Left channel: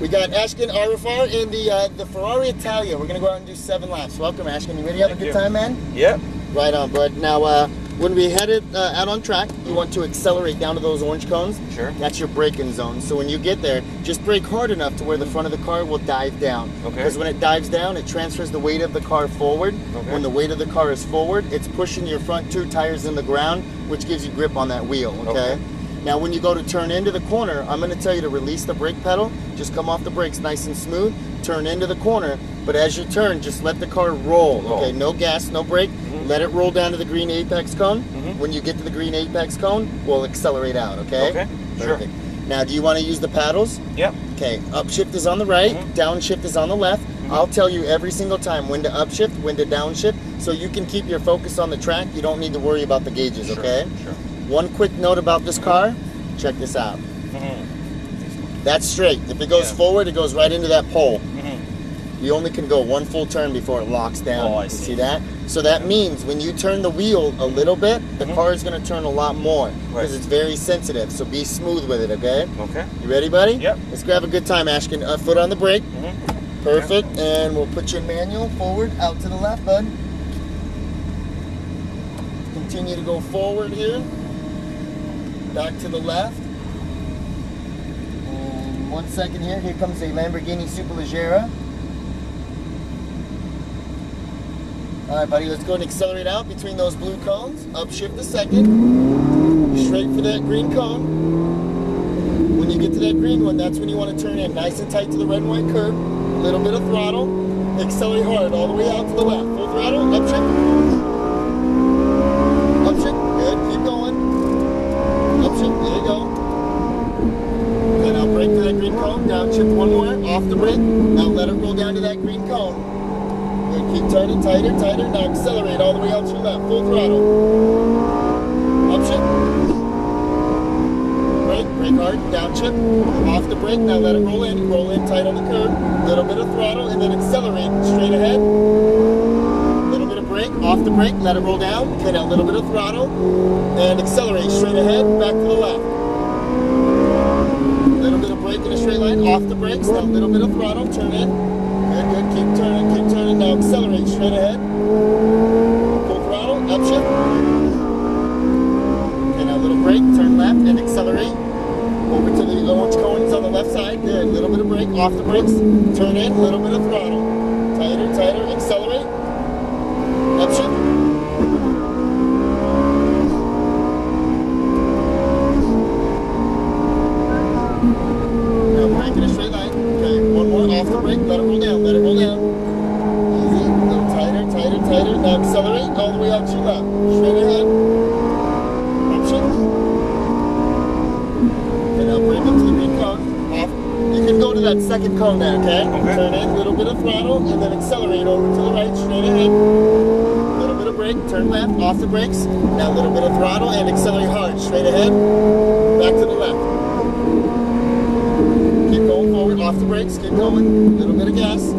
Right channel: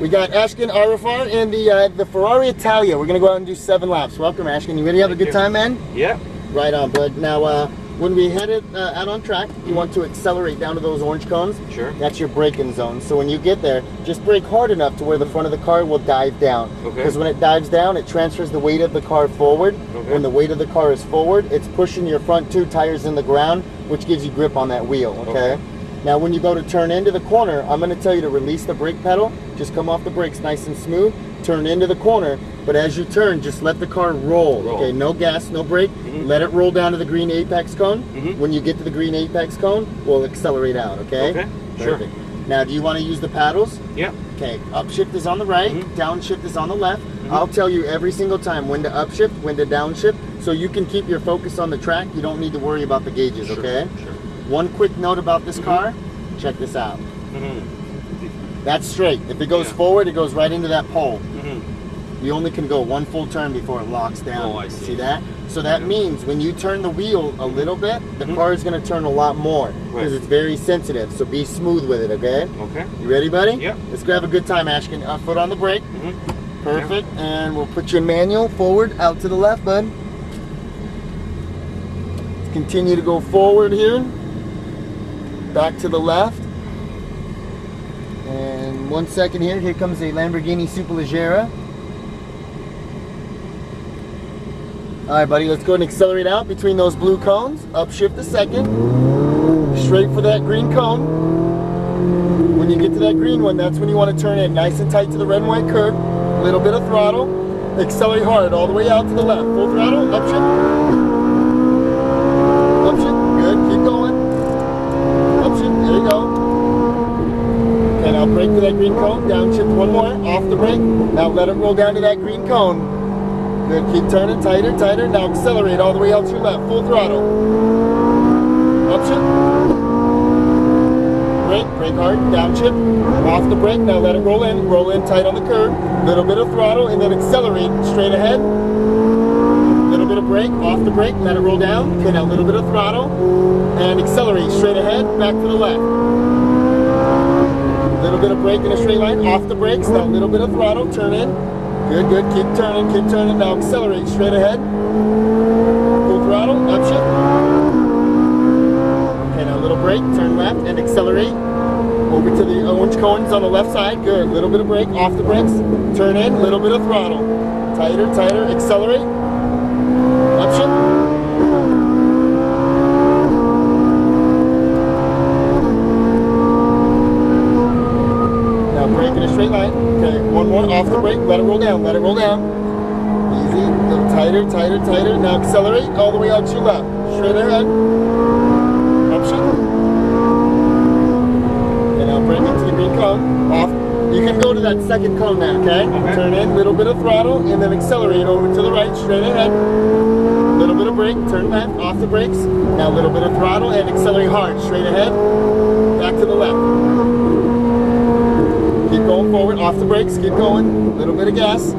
We got Ashkin Arifar in the Ferrari Italia. We're gonna go out and do 7 laps. Welcome, Ashkin. You ready to have a good time, man? Yep. Right on, bud. Now, when we headed out on track, you want to accelerate down to those orange cones. Sure. That's your braking zone. So when you get there, just brake hard enough to where the front of the car will dive down. Okay. Because when it dives down, it transfers the weight of the car forward. Okay. When the weight of the car is forward, it's pushing your front 2 tires in the ground, which gives you grip on that wheel, okay? Now when you go to turn into the corner, I'm gonna tell you to release the brake pedal, just come off the brakes nice and smooth, turn into the corner, but as you turn, just let the car roll. Okay? No gas, no brake, let it roll down to the green apex cone. When you get to the green apex cone, we'll accelerate out, okay? Okay, Perfect. Now, do you wanna use the paddles? Yep. Okay, upshift is on the right, downshift is on the left. I'll tell you every single time when to upshift, when to downshift, so you can keep your focus on the track. You don't need to worry about the gauges, okay? Sure. One quick note about this car, check this out. That's straight. If it goes forward, it goes right into that pole. You only can go 1 full turn before it locks down. Oh, I You see. see that? So that means when you turn the wheel a little bit, the car is going to turn a lot more because it's very sensitive. So be smooth with it, okay? Okay. You ready, buddy? Yep. Let's grab a good time, Ashkin. Foot on the brake. Perfect. And we'll put you in manual. Forward, out to the left, bud. Continue to go forward here. Back to the left. And 1 second here. Here comes a Lamborghini Superleggera. Alright, buddy, let's go and accelerate out between those blue cones. Upshift a second. Straight for that green cone. When you get to that green one, that's when you want to turn in nice and tight to the red and white curb. A little bit of throttle. Accelerate hard all the way out to the left. Full throttle, upshift. Upshift, good, keep going. Upshift, there you go. And I'll brake to that green cone. Downshift one more, off the brake. Now let it roll down to that green cone. Good, keep turning, tighter, tighter. Now accelerate all the way out to your left, full throttle. Upshift. Brake, brake hard, downshift. Off the brake, now let it roll in tight on the curb. Little bit of throttle, and then accelerate straight ahead. Little bit of brake, off the brake, let it roll down. Okay, now a little bit of throttle, and accelerate straight ahead, back to the left. Little bit of brake in a straight line, off the brakes, now a little bit of throttle, turn in. Good, good, keep turning, now accelerate straight ahead. Full throttle, upshift. Okay, now a little brake, turn left, and accelerate. Over to the orange cones on the left side, good. Little bit of brake, off the brakes, turn in, little bit of throttle. Tighter, tighter, accelerate. Upshift. Now brake in a straight line. Okay, one more, off the brake, let it roll down, let it roll down. Easy, a little tighter, tighter, tighter. Now accelerate all the way out to your left. Straight ahead. Upshift. Okay, now brake into the green cone. Off. You can go to that second cone there, okay? Turn in, little bit of throttle, and then accelerate over to the right, straight ahead. Little bit of brake, turn left, off the brakes. Now a little bit of throttle, and accelerate hard, straight ahead. Back to the left. Keep going forward, off the brakes, keep going. Little bit of gas.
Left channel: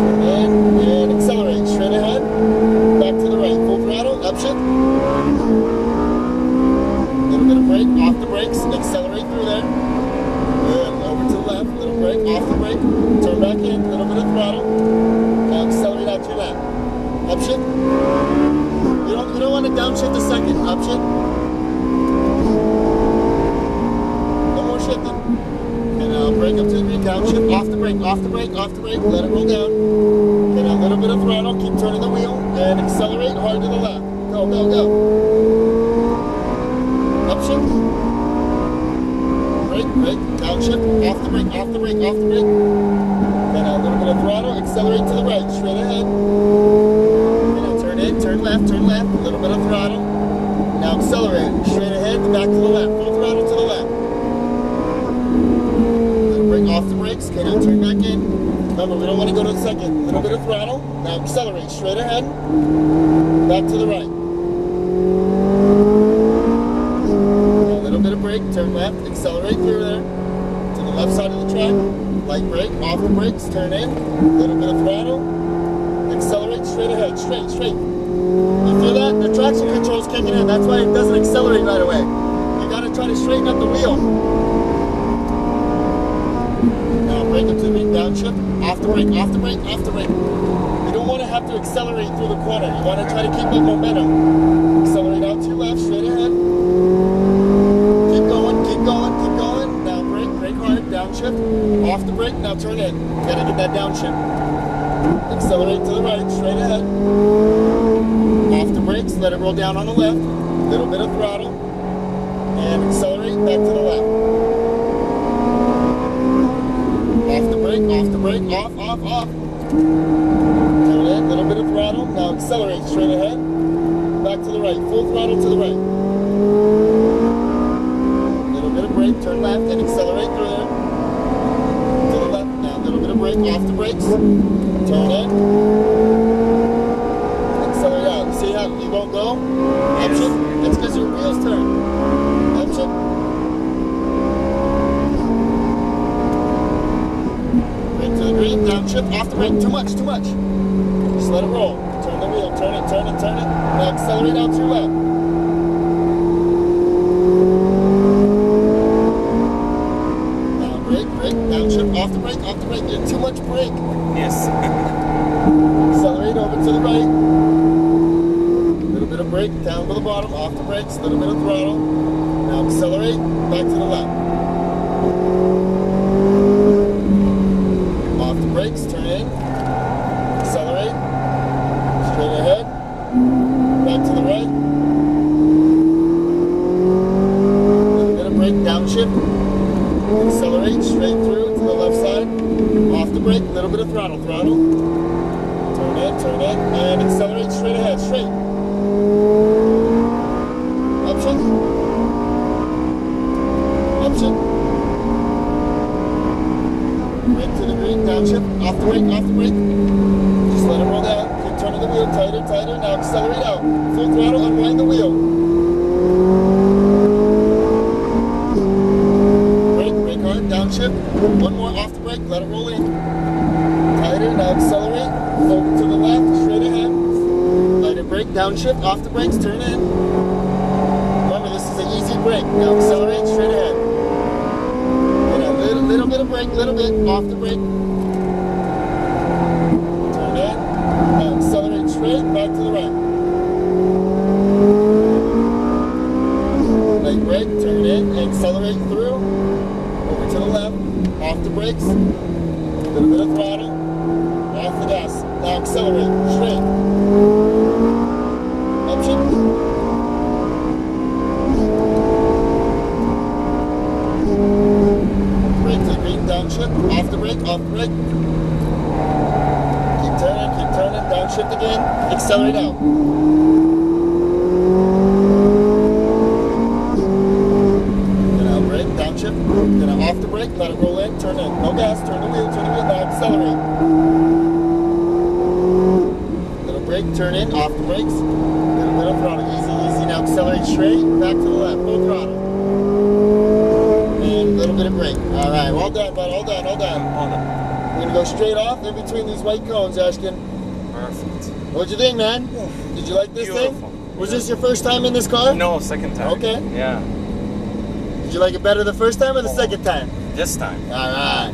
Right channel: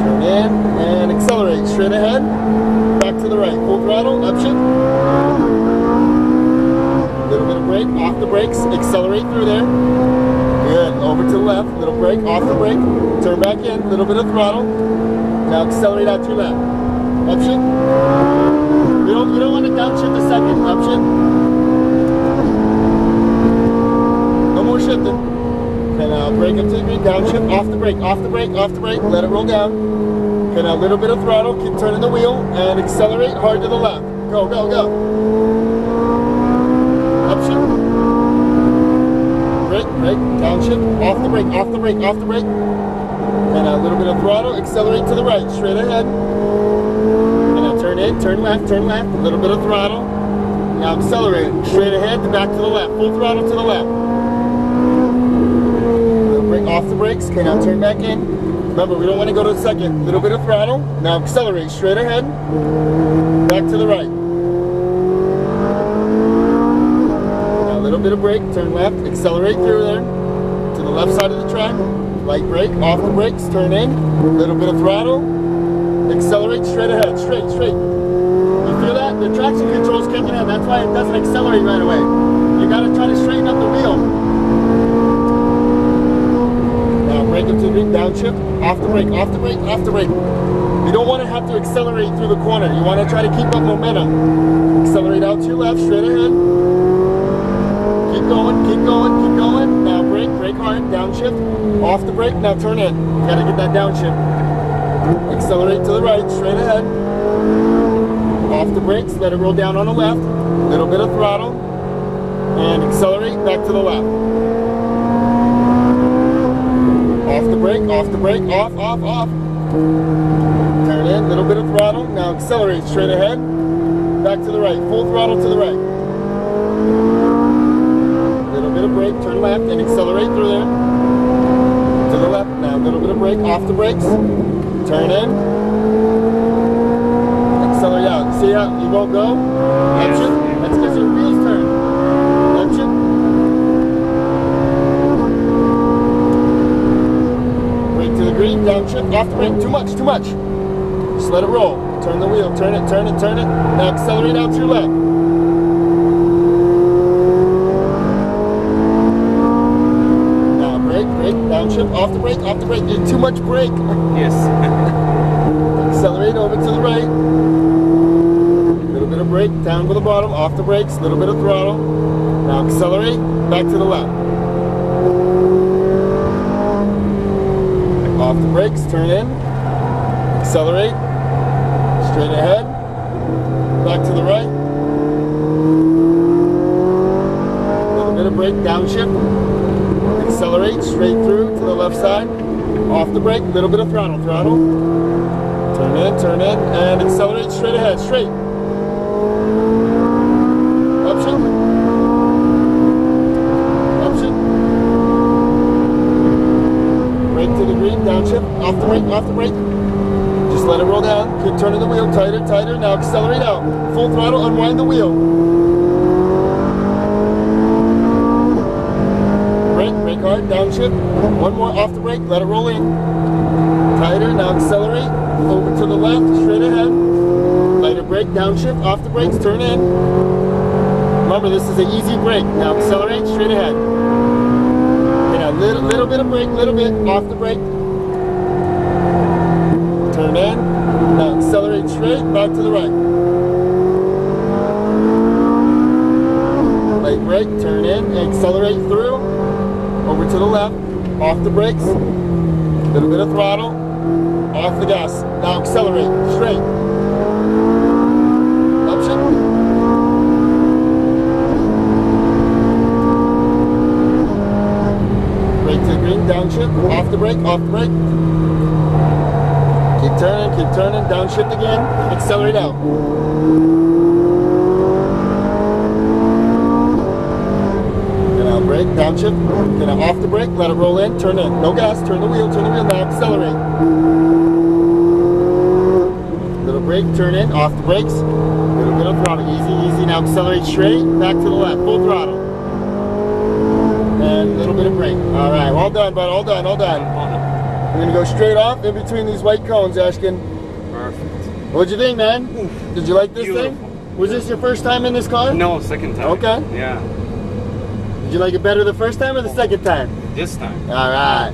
Turn in, and accelerate, straight ahead. Back to the right, full throttle, upshift. Little bit of brake, off the brakes, accelerate through there. Good, over to the left, little brake, off the brake, turn back in, little bit of throttle. Now accelerate out to your left. Upshift. You don't want to downshift a second, upshift. No more shifting. Okay, now brake up to the green, downshift, off the brake, off the brake, off the brake, let it roll down. Okay, now a little bit of throttle, keep turning the wheel, and accelerate hard to the left. Go, go, go. Upshift. Brake, brake, downshift, off the brake, off the brake, off the brake. And a little bit of throttle, accelerate to the right, straight ahead. And now turn in, turn left, a little bit of throttle. Now accelerate, straight ahead, back to the left, full throttle to the left. Little brake off the brakes, okay, now turn back in. Remember, we don't want to go to the second. Little bit of throttle, now accelerate, straight ahead, back to the right. Bit of brake, turn left, accelerate through there to the left side of the track, light brake, off the brakes, turn in, little bit of throttle, accelerate straight ahead, straight. You feel that? The traction control's kicking in, that's why it doesn't accelerate right away. You gotta try to straighten up the wheel. downshift, off the brake, off the brake, off the brake. You don't want to have to accelerate through the corner. You want to try to keep up momentum. Accelerate out to your left, straight ahead. Keep going, keep going, keep going. Now brake, brake hard, downshift, off the brake, now turn in. Gotta get that downshift. Accelerate to the right, straight ahead. Off the brakes, let it roll down on the left. Little bit of throttle. And accelerate back to the left. Off the brake, off, off, off. Turn in, little bit of throttle. Now accelerate straight ahead. Back to the right, full throttle to the right. Little bit of brake, turn left and accelerate through there. To the left, now a little bit of brake, off the brakes. Turn in. Accelerate out. See how you won't go? That's because your wheels turn. Brake to the green, downshift, off the brake. Too much, too much. Just let it roll. Turn the wheel, turn it, turn it, turn it. Now accelerate out to your left. Now brake, brake, downshift, off the brake, off the brake. There's too much brake. Yes. Accelerate over to the right. Little bit of brake, down to the bottom, off the brakes, little bit of throttle. Now accelerate, back to the left. Off the brakes, turn in. Accelerate. Straight ahead. Back to the right. Little bit of brake, downshift. Accelerate, straight through to the left side. Off the brake, little bit of throttle, throttle. Turn in, and accelerate straight ahead, straight. Option. Option. Brake to the green, downshift, off the brake, off the brake. Just let it roll down. Keep turning the wheel, tighter, tighter. Now accelerate out. Full throttle, unwind the wheel. Brake, brake hard, downshift. One more off the brake, let it roll in. Tighter, now accelerate. Over to the left, straight ahead. Lighter brake, downshift, off the brakes, turn in. Remember, this is an easy brake. Now accelerate, straight ahead. And a little bit of brake, little bit, off the brake. Turn in. Now accelerate straight, back to the right. Light brake, turn in, and accelerate through. Over to the left, off the brakes. Little bit of throttle. Off the gas. Now accelerate. Straight. Option. Brake to the green. Downshift. Off the brake. Off the brake. Keep turning. Downshift again. Accelerate out. Now brake. Downshift. Now off the brake. Let it roll in. Turn in. No gas. Turn the wheel. Now accelerate. Brake, turn in, off the brakes, little bit of throttle, easy, easy. Now accelerate straight, back to the left, full throttle, and a little bit of brake. All right, all done, bud, all done, all done. All done. We're gonna go straight off in between these white cones, Ashkin. Perfect. What'd you think, man? Oof. Did you like this Beautiful. thing? Was this your first time in this car? No, second time. Okay. Yeah. Did you like it better the first time or the second time? This time. All right.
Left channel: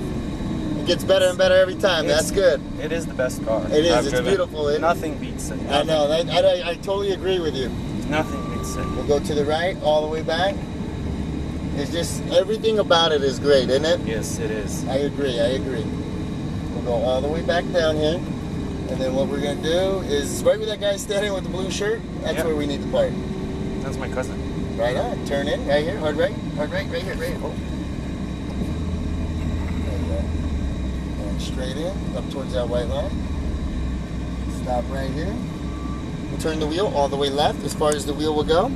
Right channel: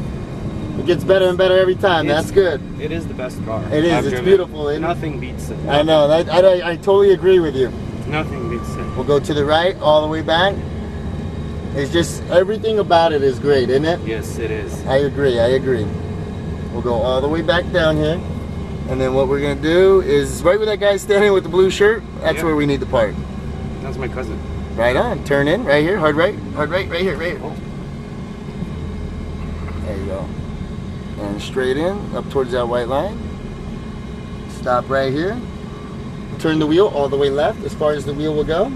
It gets better and better every time. That's good. It is the best car. It is. It's beautiful. Nothing beats it. I know. I totally agree with you. Nothing beats it. We'll go to the right, all the way back. It's just, everything about it is great, isn't it? Yes, it is. I agree, I agree. We'll go all the way back down here. And then what we're going to do is, right where that guy's standing with the blue shirt, that's where we need to park. That's my cousin. Right on. Turn in, right here, hard right, right here, right here. Oh. There you go. And straight in, up towards that white line. Stop right here. Turn the wheel all the way left as far as the wheel will go.